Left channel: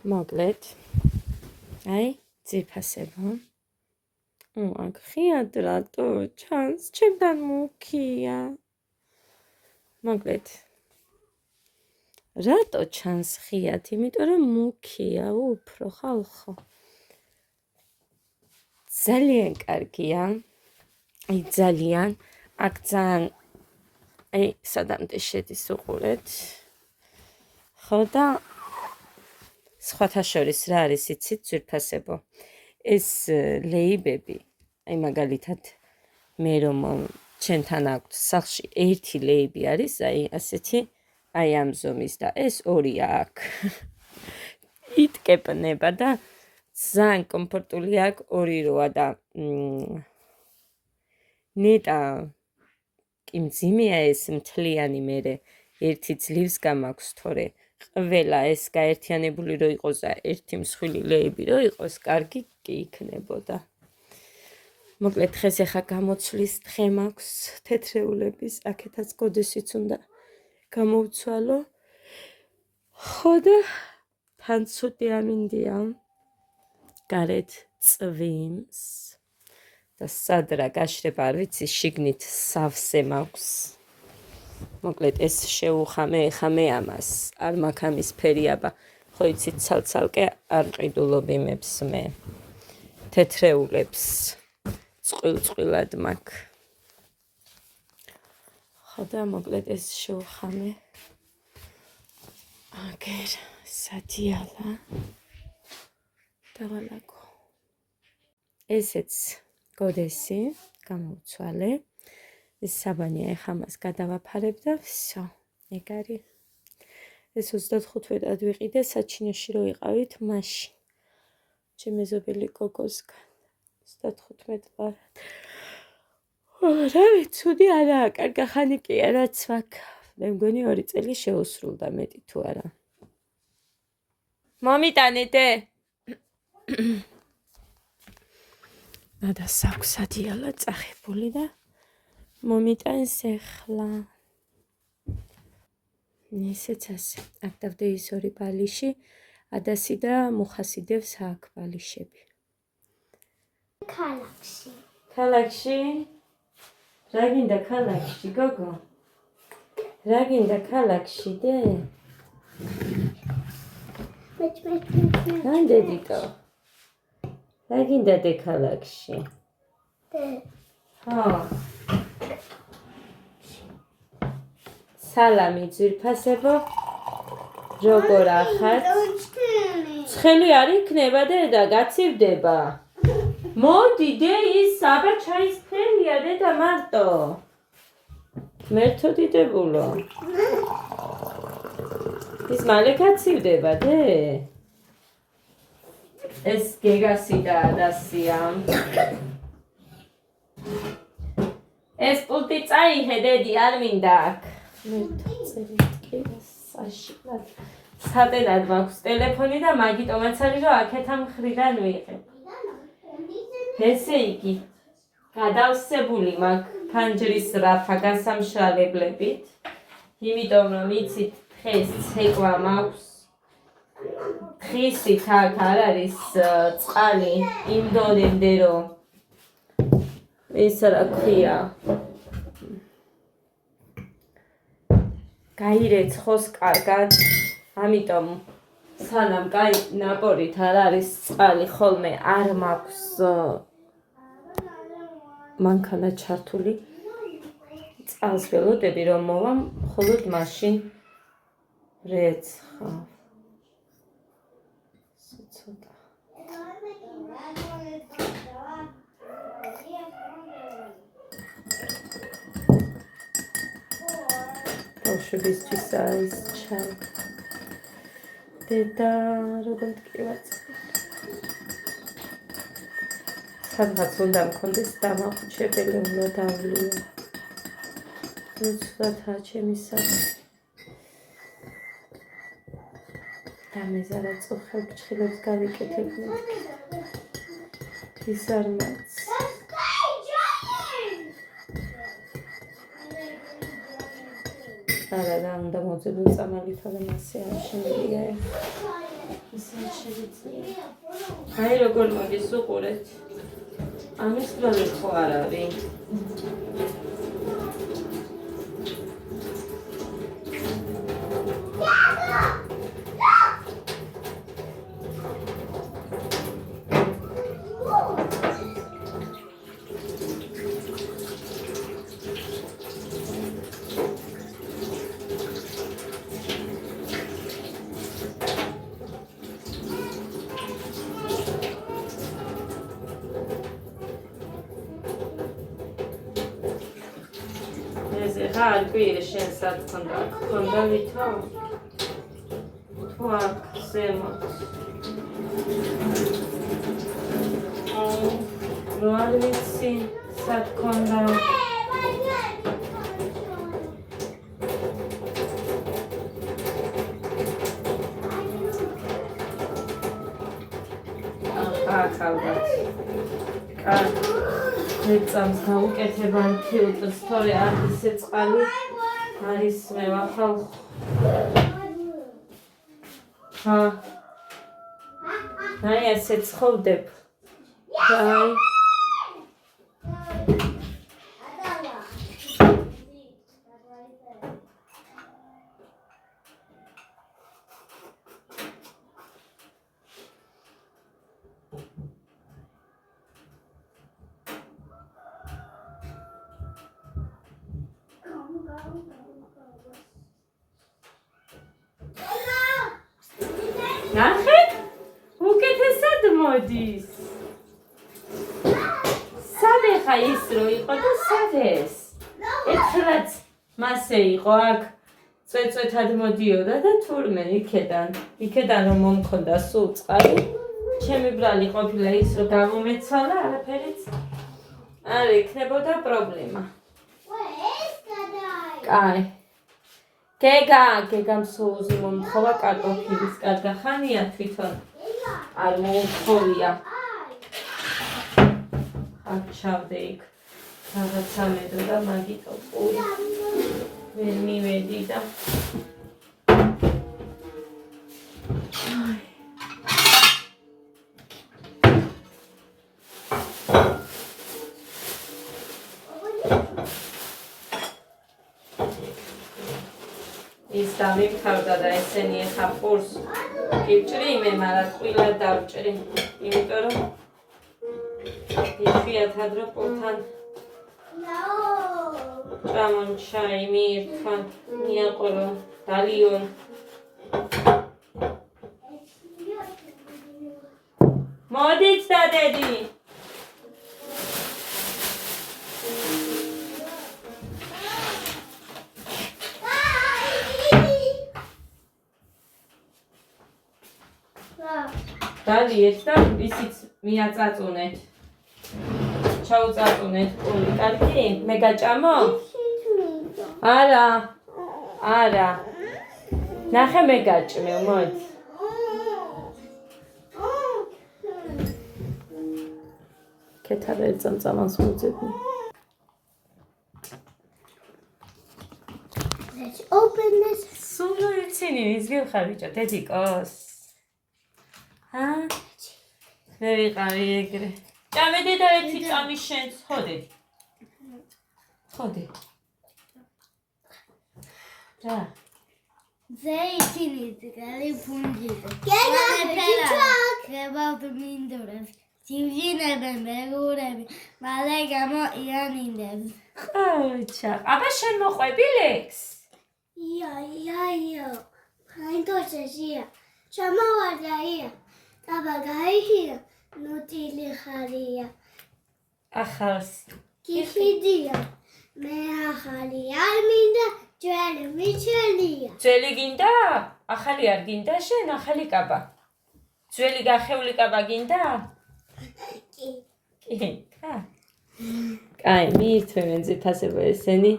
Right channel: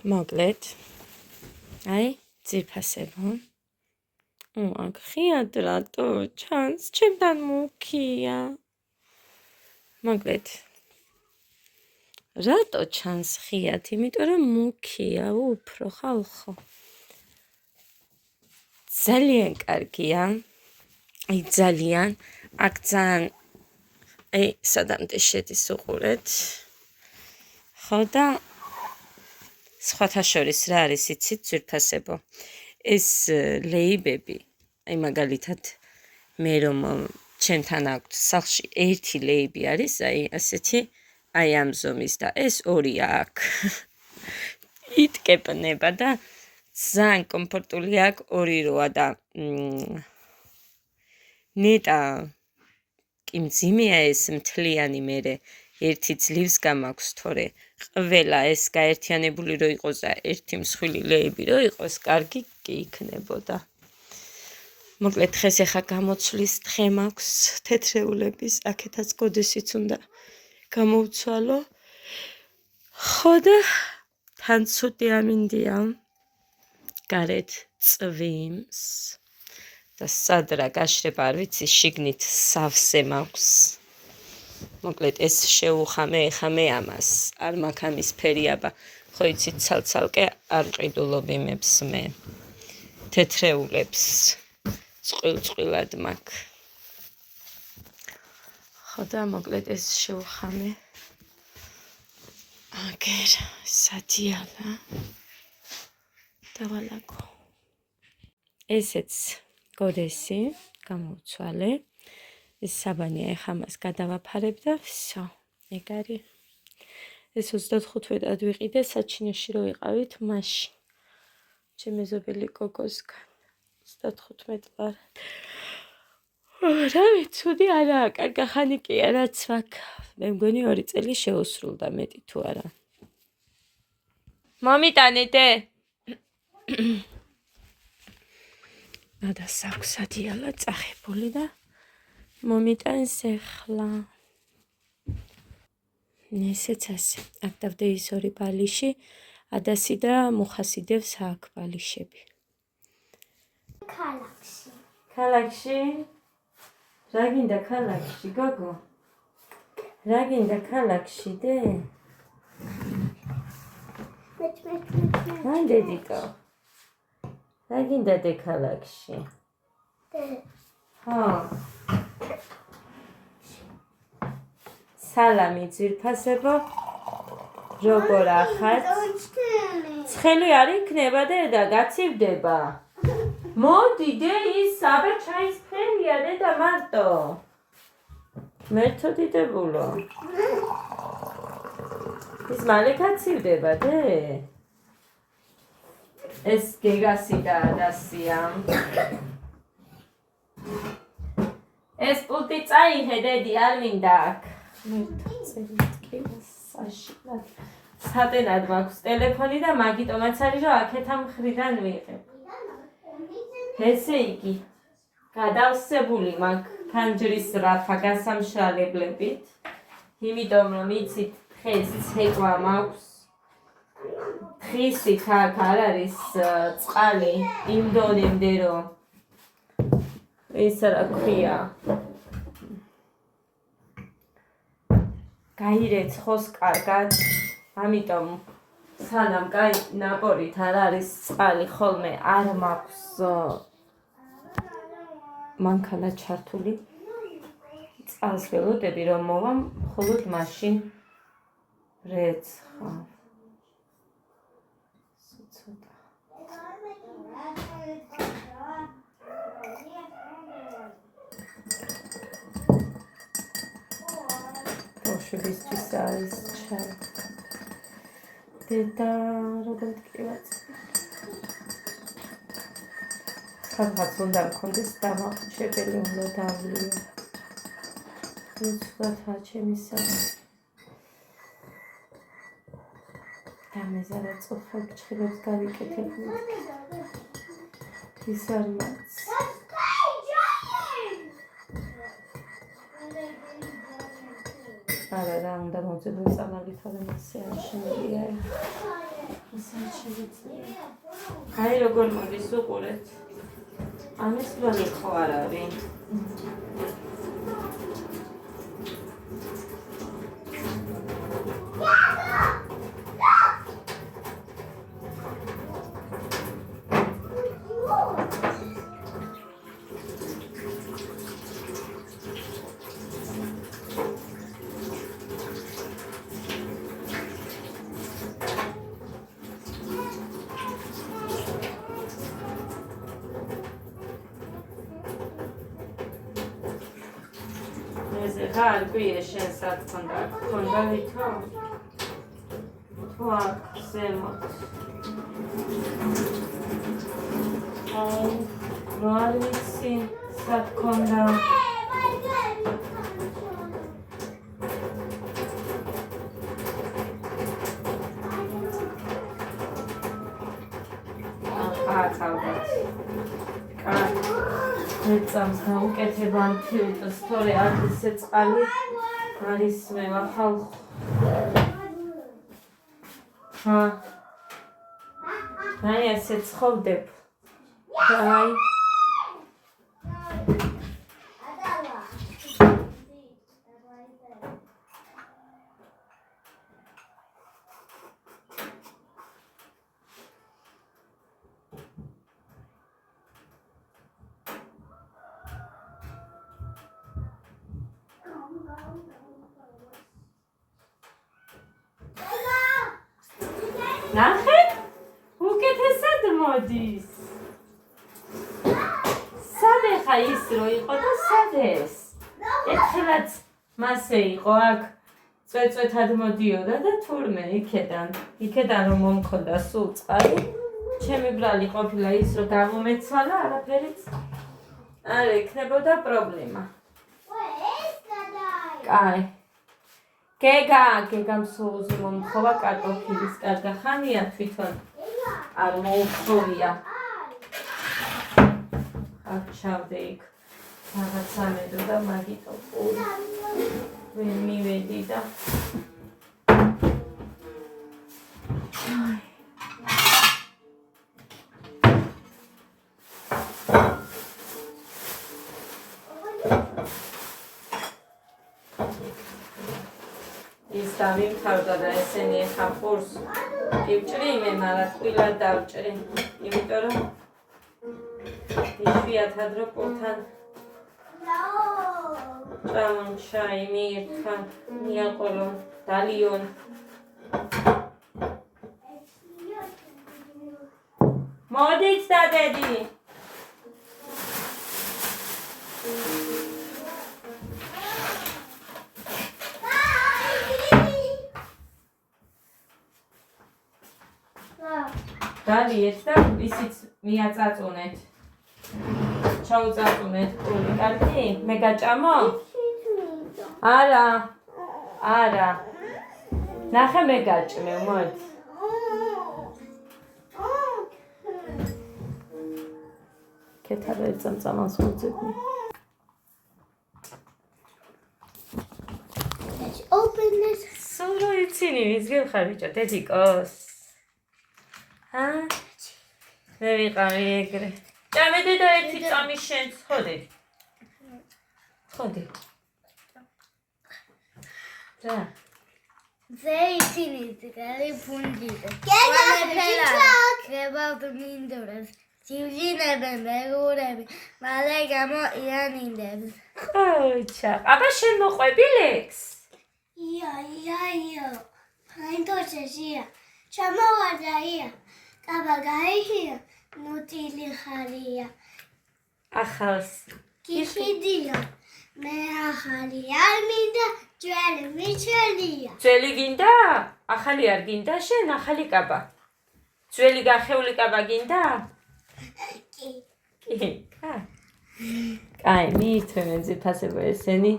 მოკლედ აი ძირფასებო აქ ხიად რატო ჩანს ჩემთან მუქია მოკლედ რატო ჩანს ხიად იმიტომ რომ მუქია უფრო ხალხო ძალიან კარგია აი ძალიან აქ ძალიან აი სადამდე შედის უყურეთ ხო და სხვათა შორის რა არის იცით ძვირფასებო ეს ლეიბები აი მაგალითად მე რომ ჩემთან აქვს სახლში ერთი ლეიბი არის აი ასეთი აი ამ ზომის და ეს ორი აქ იტკეპნება და ძალიან კომფორტული აქვს ორი როა და ნეტა კი მძიმეა ეს მთლიანი მერე ერთი ძლივს გამაქვს თორე ყველა ეს გაერთიანებული რო იყოს და ერთი მსხვილი ლეიბი რო იყოს კარგი კი იქნებოდა მოკლედ დღეს ახლა გამოცვლის დღე მაქვს თეთრეულების აქეთაც გოდესიც უნდა გამოვცვალო ხო და თან ცუდი ამინდია გარეთ წვიმს და სადრა გაშრება არ ვიცი შიგნით სავსე მაქვს მოკლედ ეს შეუხამე ეხა მე ამას არ მაქვს ამის ფერი აბა ხო იცით ცალ-ცალკე არ ყიდულობ იმებს მე თეთრეულებს წყვილ-წყვილად მაქვს ხო და მოკლედ ეს შეუხამე აგერ სადიალა დავალაგო ესეც გოდესი გამოვცვალე ეს საბანია ეხა მას გადავაფარებ და всё ეგ არის ეს 35-ად ვიყიდე საჩინოში რო ვიყავით მაშინ ჩემი მეზობელი გოგოსგან 35 წლად რავი ცუდი არაა კარგი ხანი კი რაც მაქვს მე მგონი 2 წელი შეუსრულდა მეტი თუ არა მომიტანეთე და საქსადიალა წახებული და მომიტანს ახლა ესეც ასე აქ დავდე ის ორი ბალიში ადასი და მუხასიდევს აქ ბალიშები ქალაქში რა გინდა ქალაქში გოგო რა გინდა ქალაქში დე რანდა დიკო რა გინდა დე ქალაქში ხო სალამი ძვირფასებო როგორ ახართ ცხელი არ იქნება დედა გაცივდება მოდი დე ის აბა ჩაის ცხელია დედა მარტო მერთო დიდებულო ის მალე გაცივდება დე ეს გეგასი და ადასია ეს პულტი წაიღე დედი არ მინდა აქ სატენად მაქვს ტელეფონი და მაგიტომაც არის რომ აქეთ ამ მხრიდან ვიღებ ესე იგი გადავსებული მაქვს ფანჯრის რაფა გასამშრალებლებით იმიტომ რომ იცით დღეს ცეკვა მაქვს დღისით აქ არ არის წყალი იმ დონემდე რომ ეს რა ქვია გაირეცხოს კარგად ამიტომ სანამ კაი ნაპორით არ არის წყალი ხოლმე არ მაქვს მანქანა ჩართული წყალს ველოდები რომ მოვა მხოლოდ მაშინ რეცხავ ცოტა ბავშვებისთვის არის ჩაი დედა როგორ მткиვაც სადღაც უნდა მქონდეს დამახუჩებელი უნდა დავლია უცბათა ჩემი საქმე დამეზარა წუხელ ჩხილებს გავიკეთებინეთ ის არ მაქვს არა რა უნდა მოძებნო წამალი თორემ ასე არ შემიძლია ისე აი როგორ მოდის უყურეთ. ამის დონე ხო არ არის? რა გვიე შენ საქმე ქონდა ვითო თუ აქ ზემოთ რო არ ვიცი საქმე აქ ალბათ ეცამს გაუკეთებან ფილტრს, თორე არ ისე წყალი არის მე ვახალ. აი ესე ცხოვრდებ. აი ნახეთ? უკეთესად მოდის. სად ხა ის რო იყო და სად ეს? ერთხელაც მასე იყო აქ წვეწვეთად მოდიოდა და თურმე იქედან რომ მომქონდა სულ წყალი. ჩემი ბრალი ყოფილა ის რომ გამომეცვალა, არაფერიც არ იქნებოდა პრობლემა. კაი. გეგამ სოუზი მომთხოვა კარტოფილის კარგა ხანია თვითონ არ მოუხოვია. აქ ჩავდე იქ რაღაც ამედო და მაგიტო პური ვერ მივედი და ის დამიფარდა და ესენი ეხა პურს გივჭრი მე, მაგრამ ტყილა დავჭრი, იმიტომ რომ იშვიათად რო პურთან ჭამონ ჩაი მიირთვან, მიაყოლონ, დალიონ. მოდით დადედი. დალიეთ და ისიც მიაწაწუნეთ. ჩაუწაწუნეთ პული, კარგი? მე გაჭამო? არა. ნახე მე გაჭმევ, მოდი. კეთაბა წამწამას მოძებნი. Let's open this. სულ რო იცინი ის გიხარ ბიჭო, დედიკოს. მე ვიყავი ეგრე. ჭამედე და ერთი წამი შენ ხოდი. რა. They finished the punjid. About the minders. Jivjinebe megurebe. Malegamo ianindebs. ოჩა, აბა შენ მოყვები ლექს? Ja. Paintosia. Chamawadaia. Kabagaia. Nutili haria. ახალს. Kishidia. Mehalia minda. Jweli michelia. ძველი გინდა? ახალი არ გინდა შენ, ახალი კაბა. ძველი გახეული კაბა გინდა? კი. კაი, მიირთმევენ ძიფასება ესენი.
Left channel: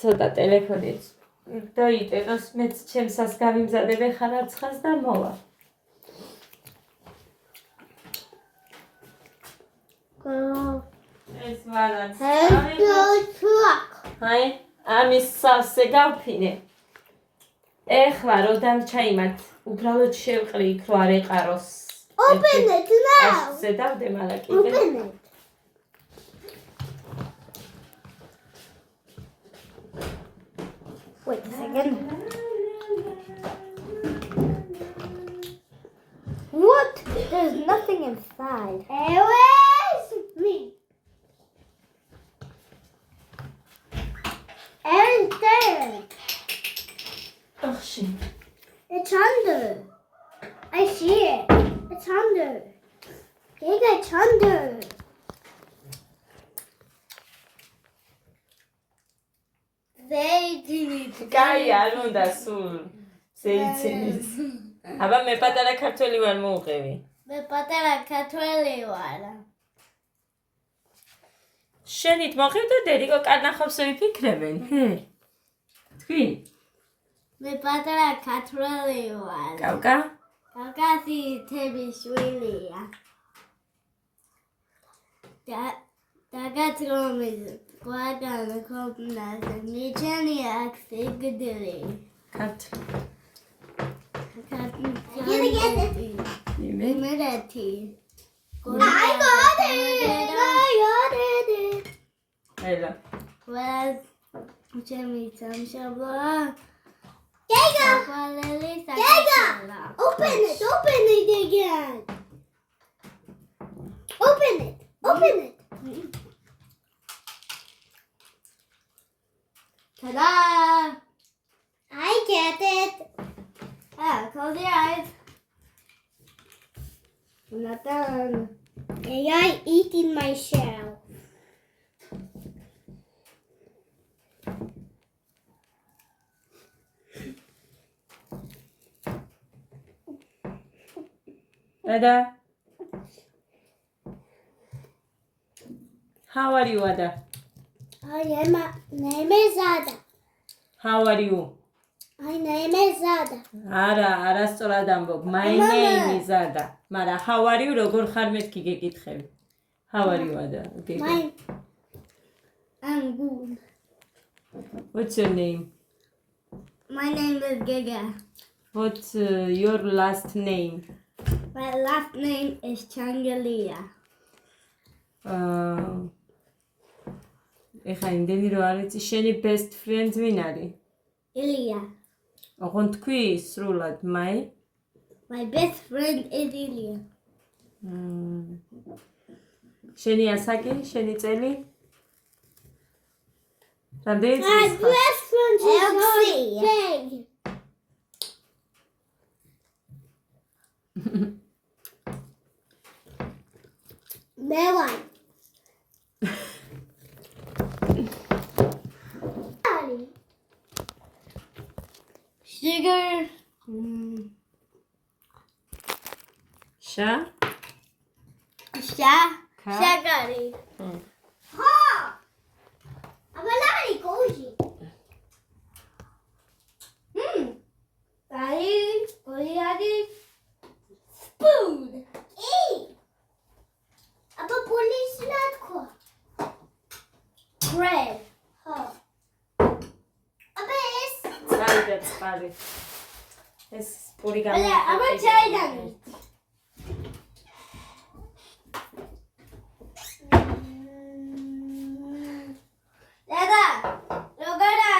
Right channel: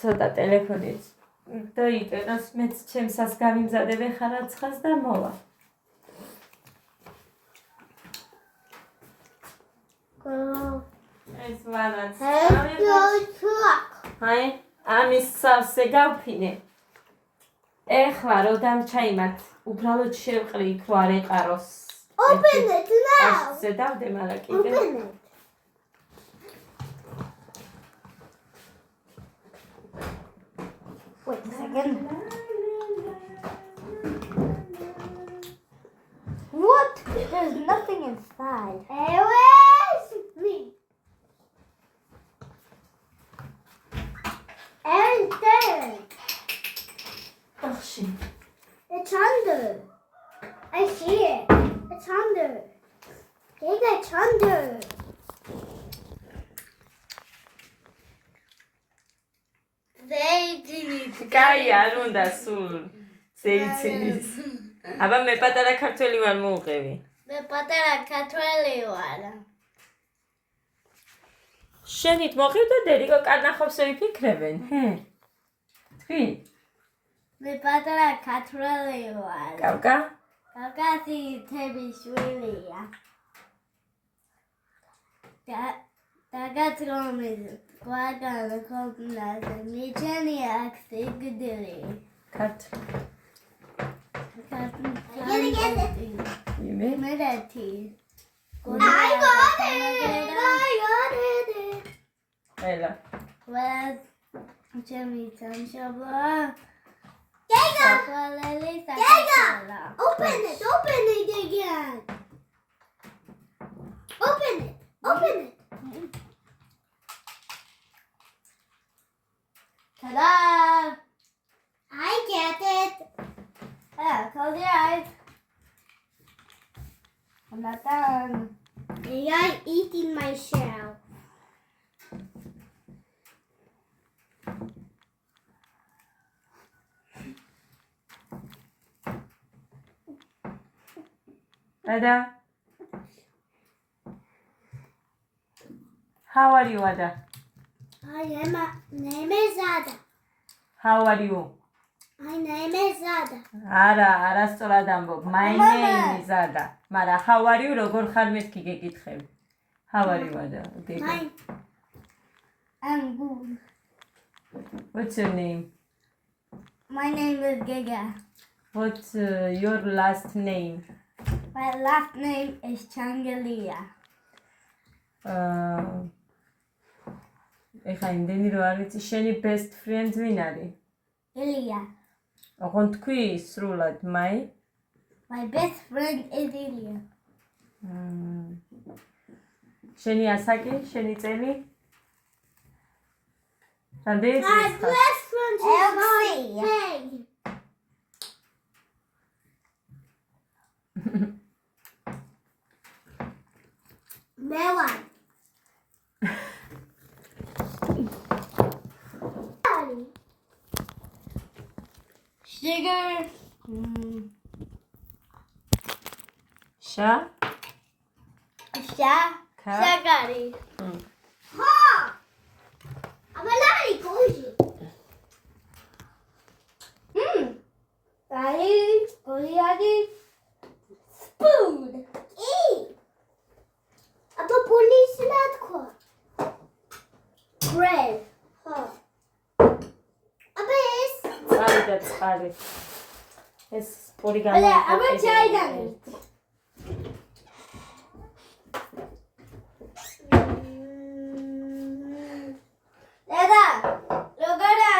ცოტა ტელეფონით დაიტენოს, მეც ჩემსაც გამიმზადებე ხარაცხას და მოვა. ეს მანაც. აი, ამის სავსე გავფინე. ეხლა რო დამჩაიმათ, უბრალოდ შევყრი იქ რო არ ეყაროს. Open it now. ზედავდე მალა კიდე. Open it. Wait a second. What? There's nothing inside. Where's me? And there. ოხში. It's under. I see it. It's under. Giga, it's under. They didn't. კაი არ უნდა სულ ზეიცინის. აბა მე პატარა ქართველი ვარ მოუყევი. მე პატარა ქართველი ვარ. შენით მოყევდა დერიკო კარნახობს ვიფიქრებენ. თქვი? მე პატარა ქართველი ვარ. კავკა? კავკასი თების შვილია. დაგაწრომის კვადრატ კომპლექსი მიჩენი აქ სიგდილი. ქათ. იმე მერეთი. I got it. აილა. Well, ჩემი სამშობლო. Open it again. Open it. Ta-da! I get it. Close your eyes. I'm not done. AI eating my shell. Ada. How are you, Ada? My name is Ada. How are you? My name is Ada. არასწორად ამბობ. My name is Ada. მაგრამ how are you როგორ ხარ მეთქი გეკითხები. How are you, Ada? Okay. I'm good. What's your name? My name is Giga. What's your last name? My last name is Changelia. ეხა იმდენი რო არ ვიცი, შენი best friend ვინ არის? Ilya. ოღონდ თქვი სრულად, my best friend is Ilya. შენი ასაკი, შენი წელი? რამდენი My წლის ხარ? best friend is Elsie. Melon. Sugar. Shagari. Ha! Abalari koji. Koliadi. Spoon. Aba police natko. Bread. Ha. Aba es. წავიდა წყალი. ეს პური გამოიყო. აბა ჩაიდანი. Dada, როგორა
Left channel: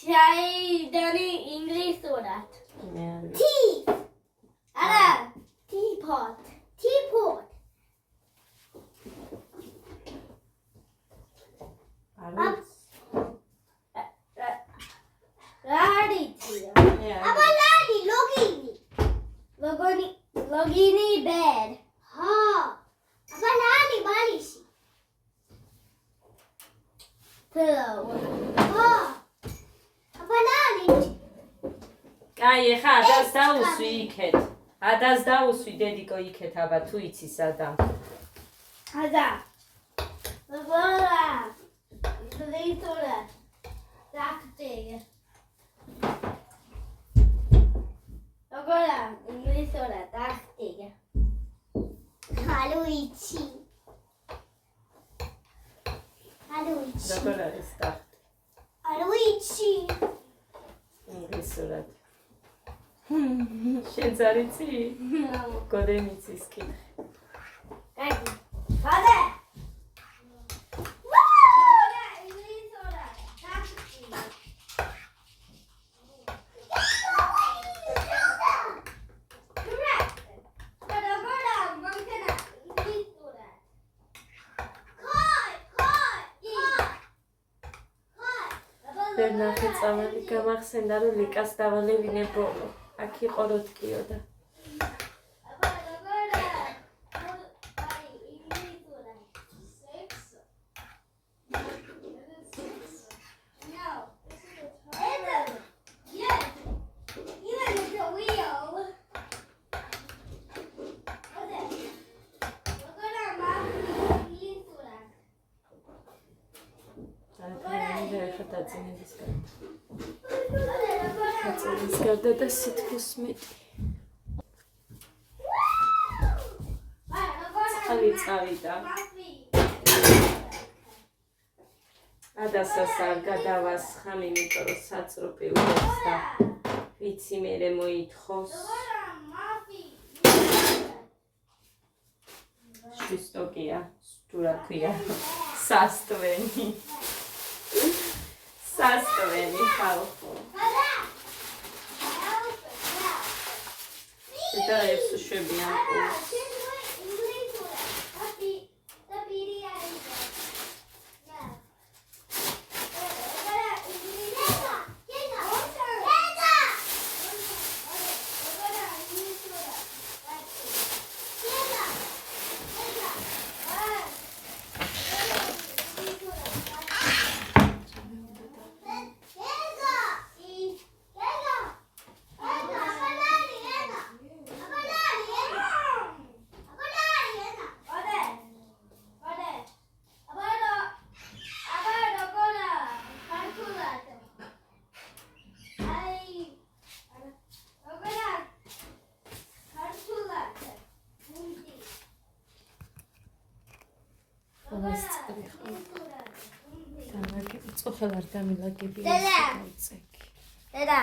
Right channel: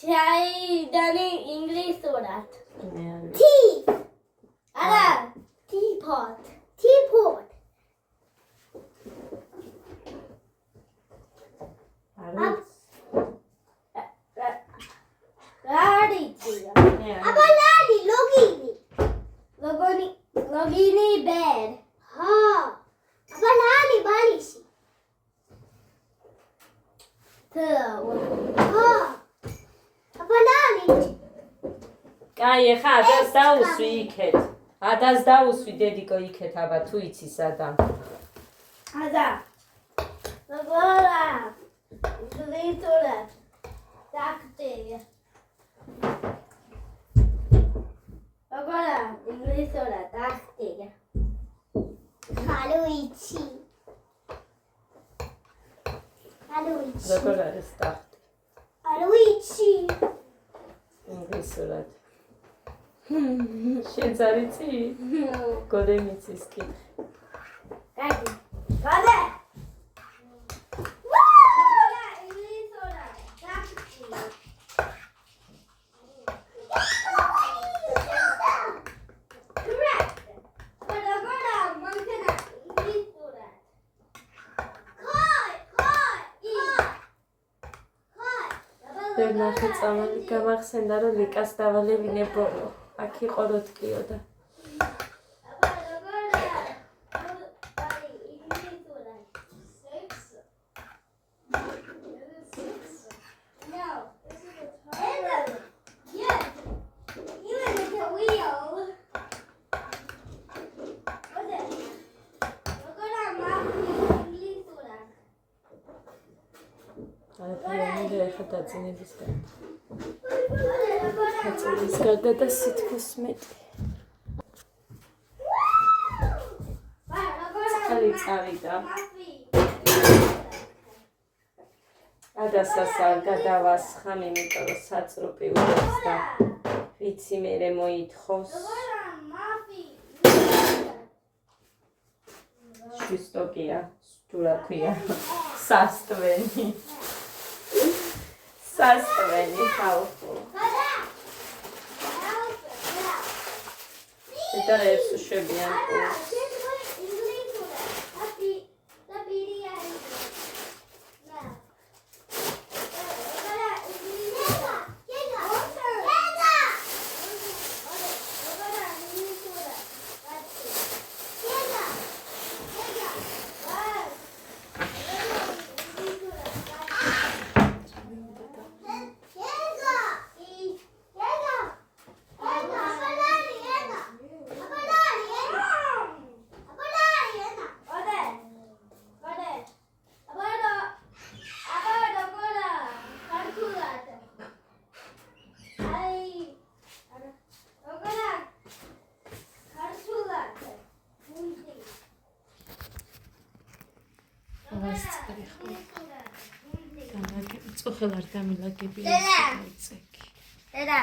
ჩაიდანი ინგლისურად. Tea. არა, teapot. Aba lali logini bed. Ha. Aba lali balisi. Pillow. Ha. Aba lali. კაი, ეხა ადას დაუსვი იქეთ. ადას დაუსვი დედიკო იქეთ, აბა თუ იცი სადა. Ada. Როგორა. ინგლისურად. დაქტია. როგორა ინგლისურად დაქტია. Haluichi. როგორ არის ტახტი? Haluichi. პროფესორად. შენც არ იცი? გოდემ იცის კი. Ready. Father. ვერ ნახე წამალი გამახსენდა რომ ლიკას დავალევინე ბოლო. აქ იყო როტკიო და დაძინებისგან დაძინების გარდა და სითბოს მეტი წყალი წავიდა ადასასა გადავასხამ იმიტომ რომ საწრუპი ურობს და ვიცი მერე მოითხოვს შვისტოკია რა ქვია სასტვენი სასტვენი ხალხო და ეს შეებიან წუხელ არ დამილაგებია წეკი. დედა.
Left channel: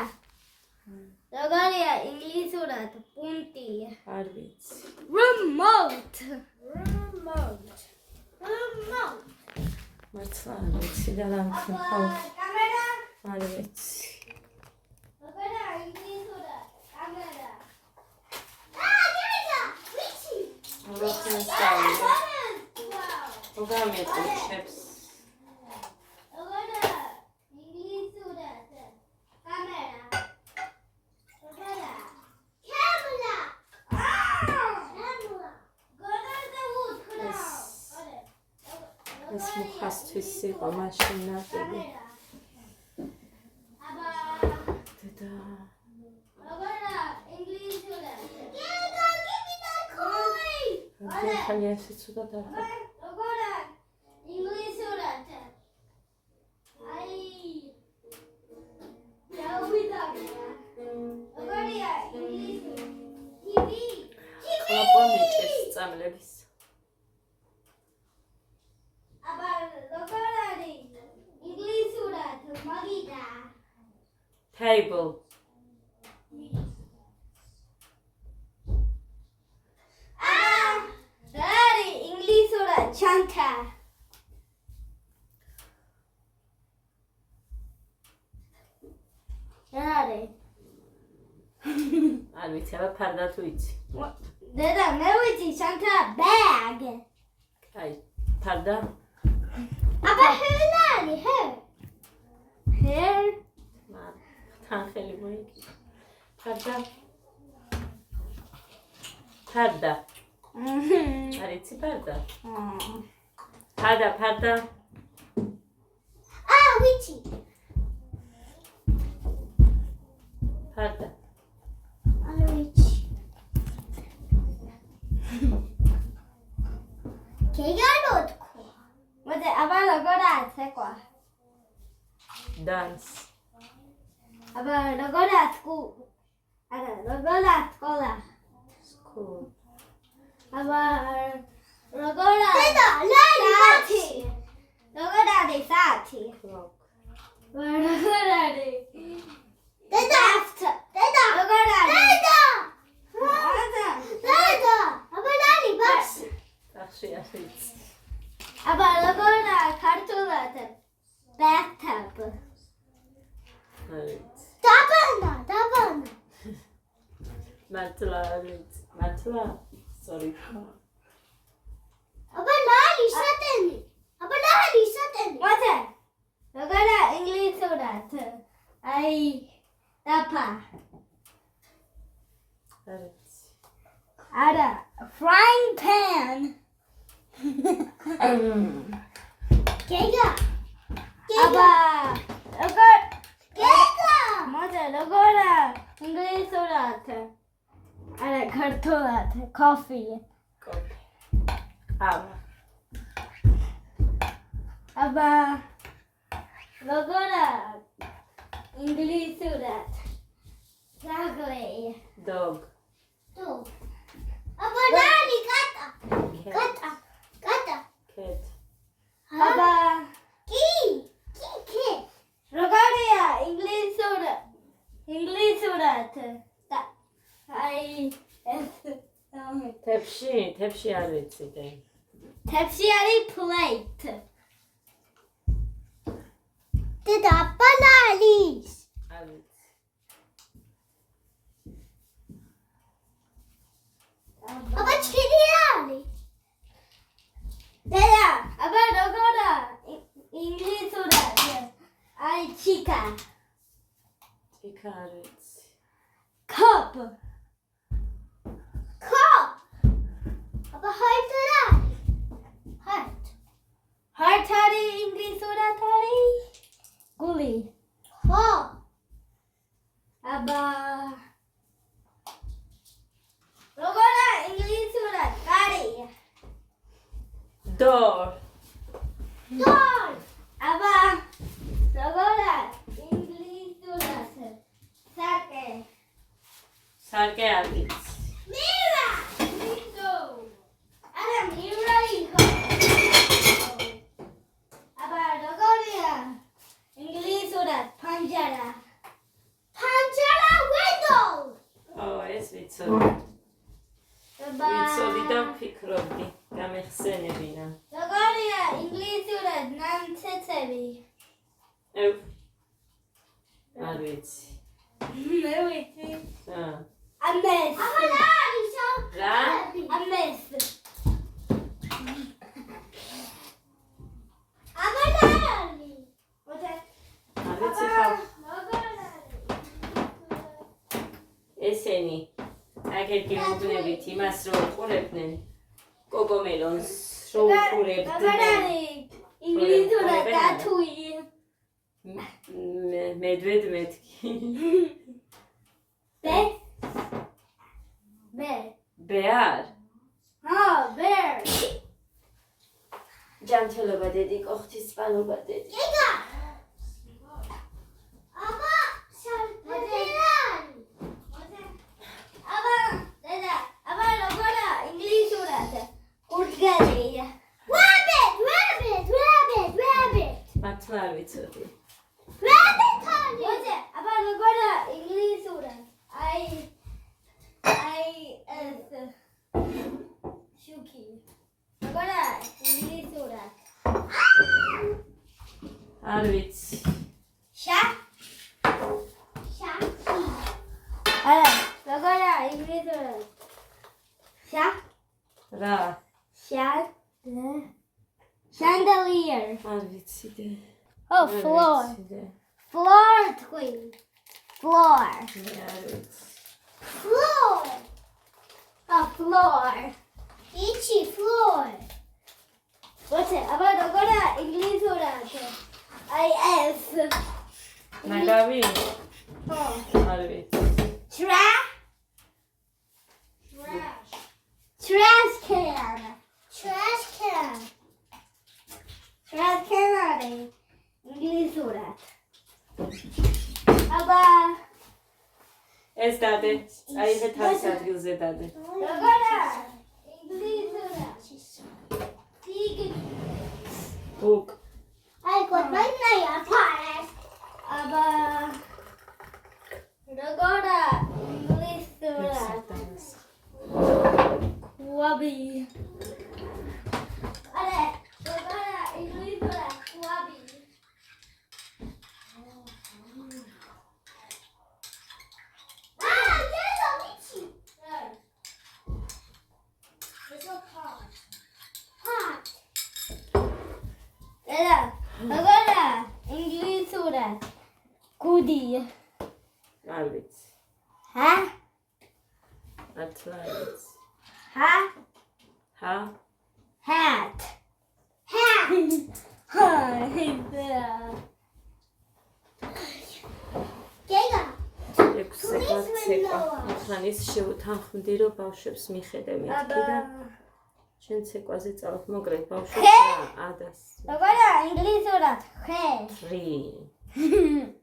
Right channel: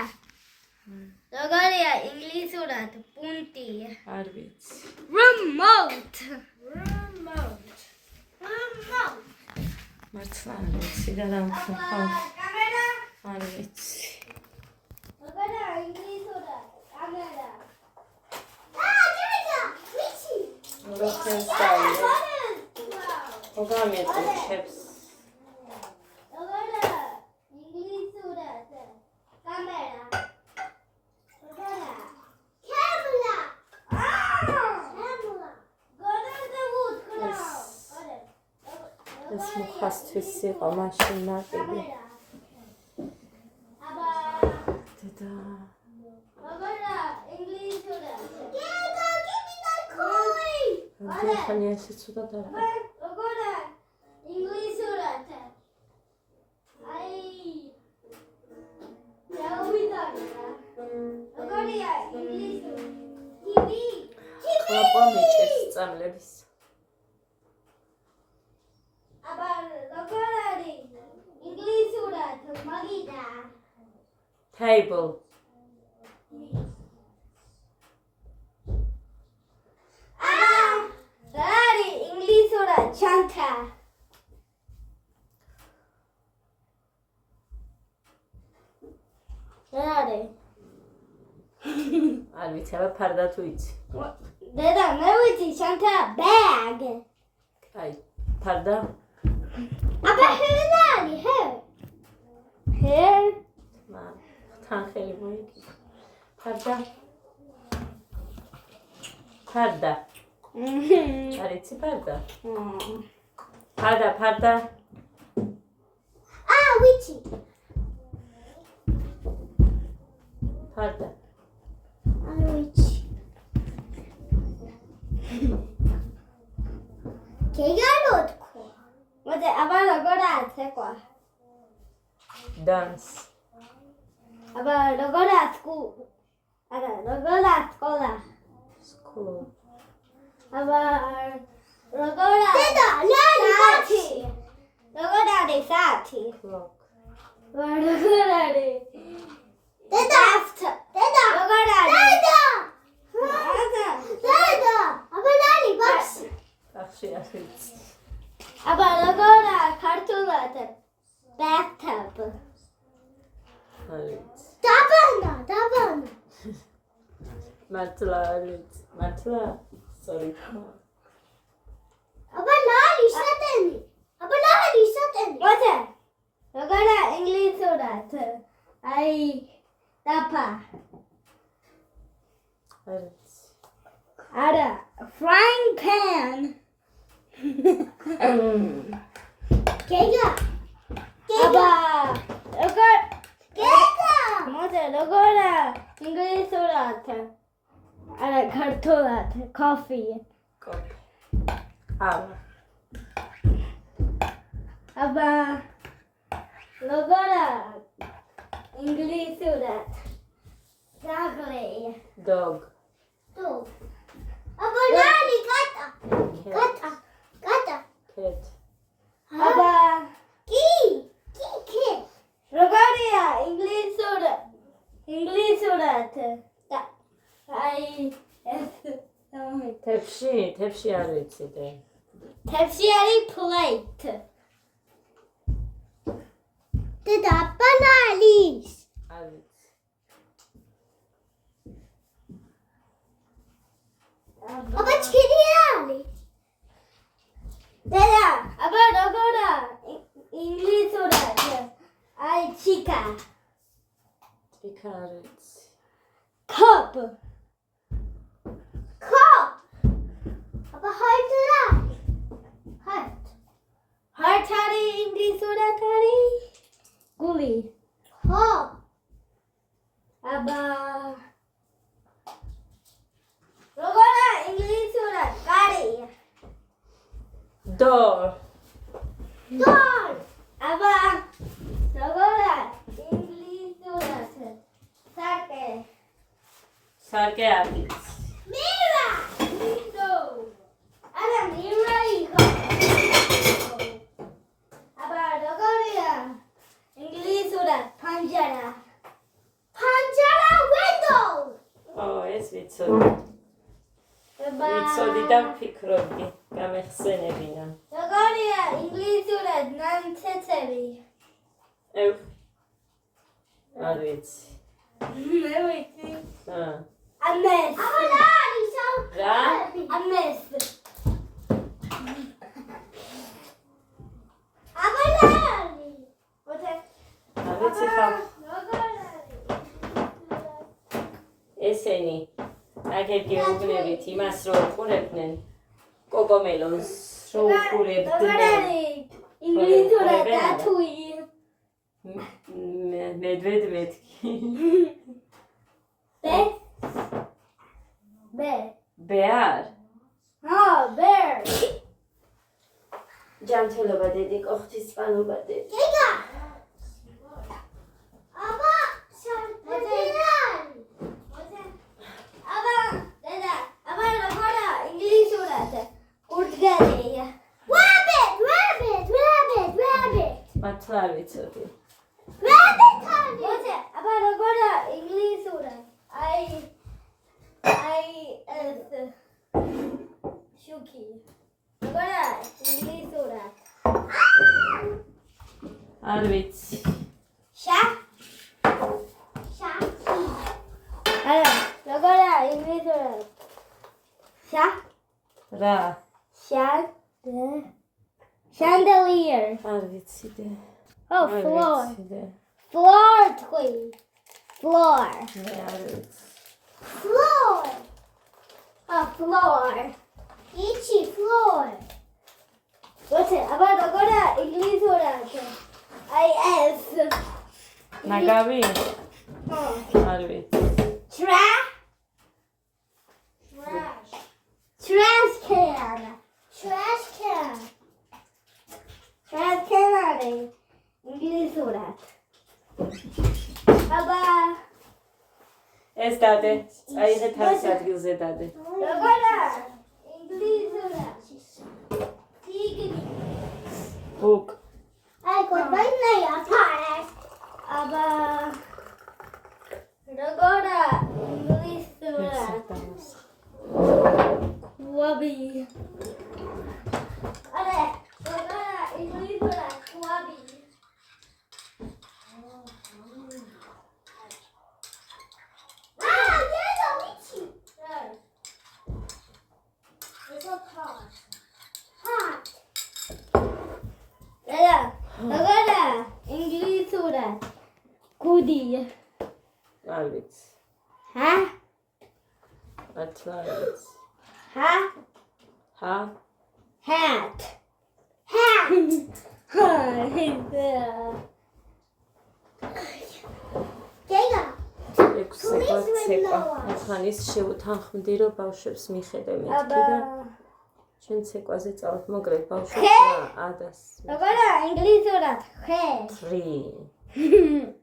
როგორია ინგლისურად პუნტი? არ ვიცი. Remote. მართლა არ ვიცი და დამხმარ. კამერა. არ ვიცი. როგორია ინგლისურად კამერა? ვიცი. როგორია სწავლე. მოგამეთქებს. ეს მუხასთვის იყო მაშინ ნაკები. დედა. ხალხი ასე ცუდად არ იყო. ყლაპა მეჭერს წამლების. Table. Daddy, ინგლისურად ჩანთა. Daddy. არ ვიცი, აბა ფარდა თუ იცი. დედა, მე ვიცი, ჩანთა bag. აი, ფარდა? აბა ჰერარი, hair. თან ხელი მოიგი. ფარდა? ფარდა. არ იცი ფარდა? ფარდა. ვიცი. ფარდა. არ ვიცი. გეგანოთქო. მოდი, აბა როგორ აცეკვა? Dance. აბა როგორ აცკუ? არა, როგორ აცკოლა? School. აბა როგორ დედა, საათი. როგორ არის საათი? Clock. როგორ არის? დედა დედა როგორ არის დედა აბა ნანი ბას სახში არის აბა როგორ ქართულად bathtub არის დაბანა მართლა არის მართლა sorry აბა ნანი სატენი მოდი როგორ ინგლისურად აი დაფა არის არა frying pan გეგა აბა როგორ გეგა მოდი როგორ ინგლისურად არა ქართულად coffee კოფე ავა აბა როგორ ინგლისურად დაგლე dog აბა ნანი კატა cat აბა კი როგორია ინგლისურად აი ეს თებში არ ვიცი თებში არის plate დედა ბანანის არ ვიცი აბა ჩქილი არის დედა აბა როგორ ინგლისურად აი ჩიკა ჭიქა არ ვიცი cup აბა heart არის ინგლისურად არის გული აბა როგორ ინგლისურად კარი door აბა როგორ ინგლისურად სარკე არ ვიცი mirror არა mirror აბა როგორია ინგლისურად პანჯარა window ეს ვიცოდი აბა ვიცოდი და ვფიქრობდი გამეხსენებინა როგორია ინგლისურად ნამცეცები არ ვიცი მე ვიცი ამეს რა ამეს აბანანი მოდი არ ვიცი ხა ესენი აგეთი უბნებით იმას რო უყურებდნენ კოკომელონს რო უყურებდნენ ინგლისურად დათუი მედვედ მეთქი ბეარ bear ჯანმრთელობა დედი კოხთის წყალობა დედი აბა დედა აბა როგორ ინგლისურად კურდღელია rabbit მართლა არ ვიცოდი მოდი აბა როგორ ინგლისურად აი ეს შუქი როგორ ინგლისურად არ ვიცი შაქი არა როგორ ინგლისურად რა chandelier არ ვიცი და oh floor არ ვიცი და floor თქვი floor მე არ ვიცი floor oh floor itchy floor what's it აბა როგორ ინგლისურად აი ეს ნაგავი oh არ ვიცი trash can არის ინგლისურად აბა ეს დადე წაიღე თავის ადგილზე დადე როგორ ინგლისურად ბუკ აი გოდბაი ნაი აფარეს აბა როგორა ინგლისურად ყვავი არა როგორა ინგლისურად ყვავი Agora, inglesura. Goodie. Alvits. Ha? Alvits. Ha? Ha? Hat. Hat. Gega. ექვსეკვაცეკვა. ახლა ის შევთანხმდი, რომ ბავშვებს მიხედე მეთქი და ჩვენ ცეკვაზე წავთ მოგრეთ ბავშვებს რა ადას. Agora, inglesura. He. 3.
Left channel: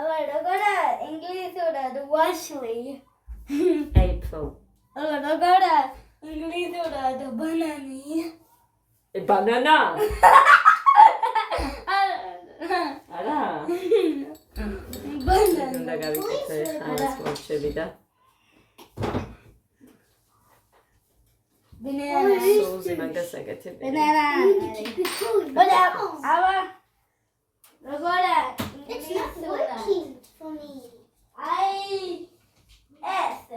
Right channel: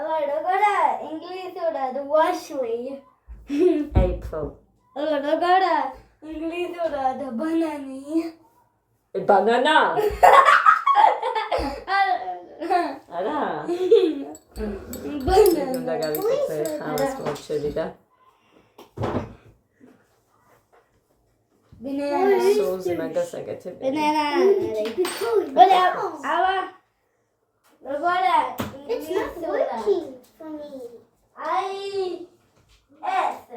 Agora, inglesura. Washley. April. Agora, inglesura. Banana. Banana. არა. უნდა გავიკეთე ხალხს მოჩები და Banana. სოუზი მაგას აკეთებ. Banana. It's not working for me.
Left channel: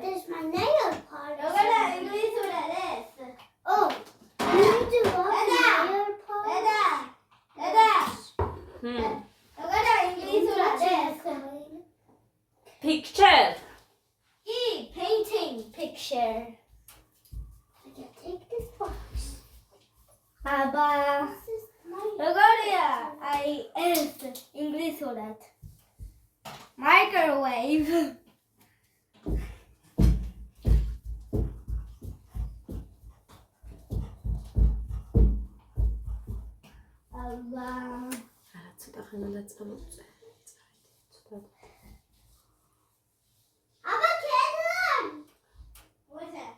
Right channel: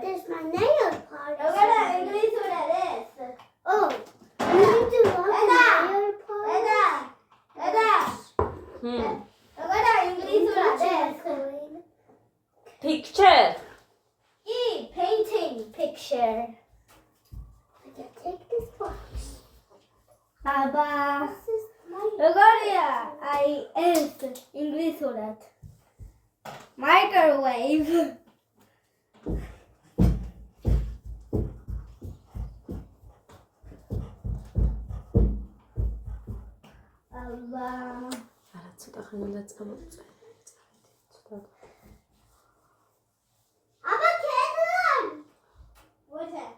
There's my nail polish. Oh, you do love nail polish. Picture. Painting picture. I can take this box. Aba. I asked English for that. Microwave. Aba. არა ცოტა ხან უნდა წამოწე. Aba Caitlin. What's that?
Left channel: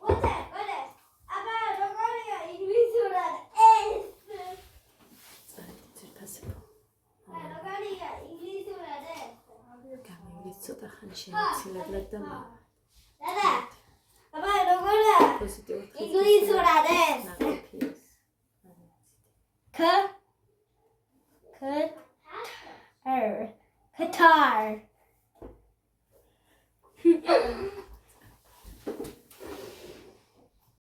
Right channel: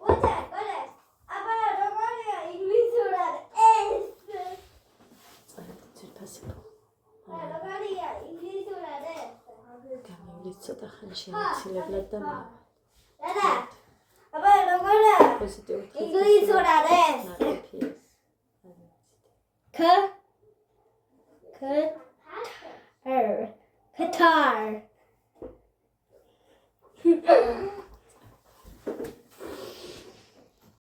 What's that? What is? Aba Rogoria English for that. Rogoria English for that. გამივლით ცოტა ხან შეიცილებლად და Dada. Aba Rogoria პოზიტიურ English for that. Qatar.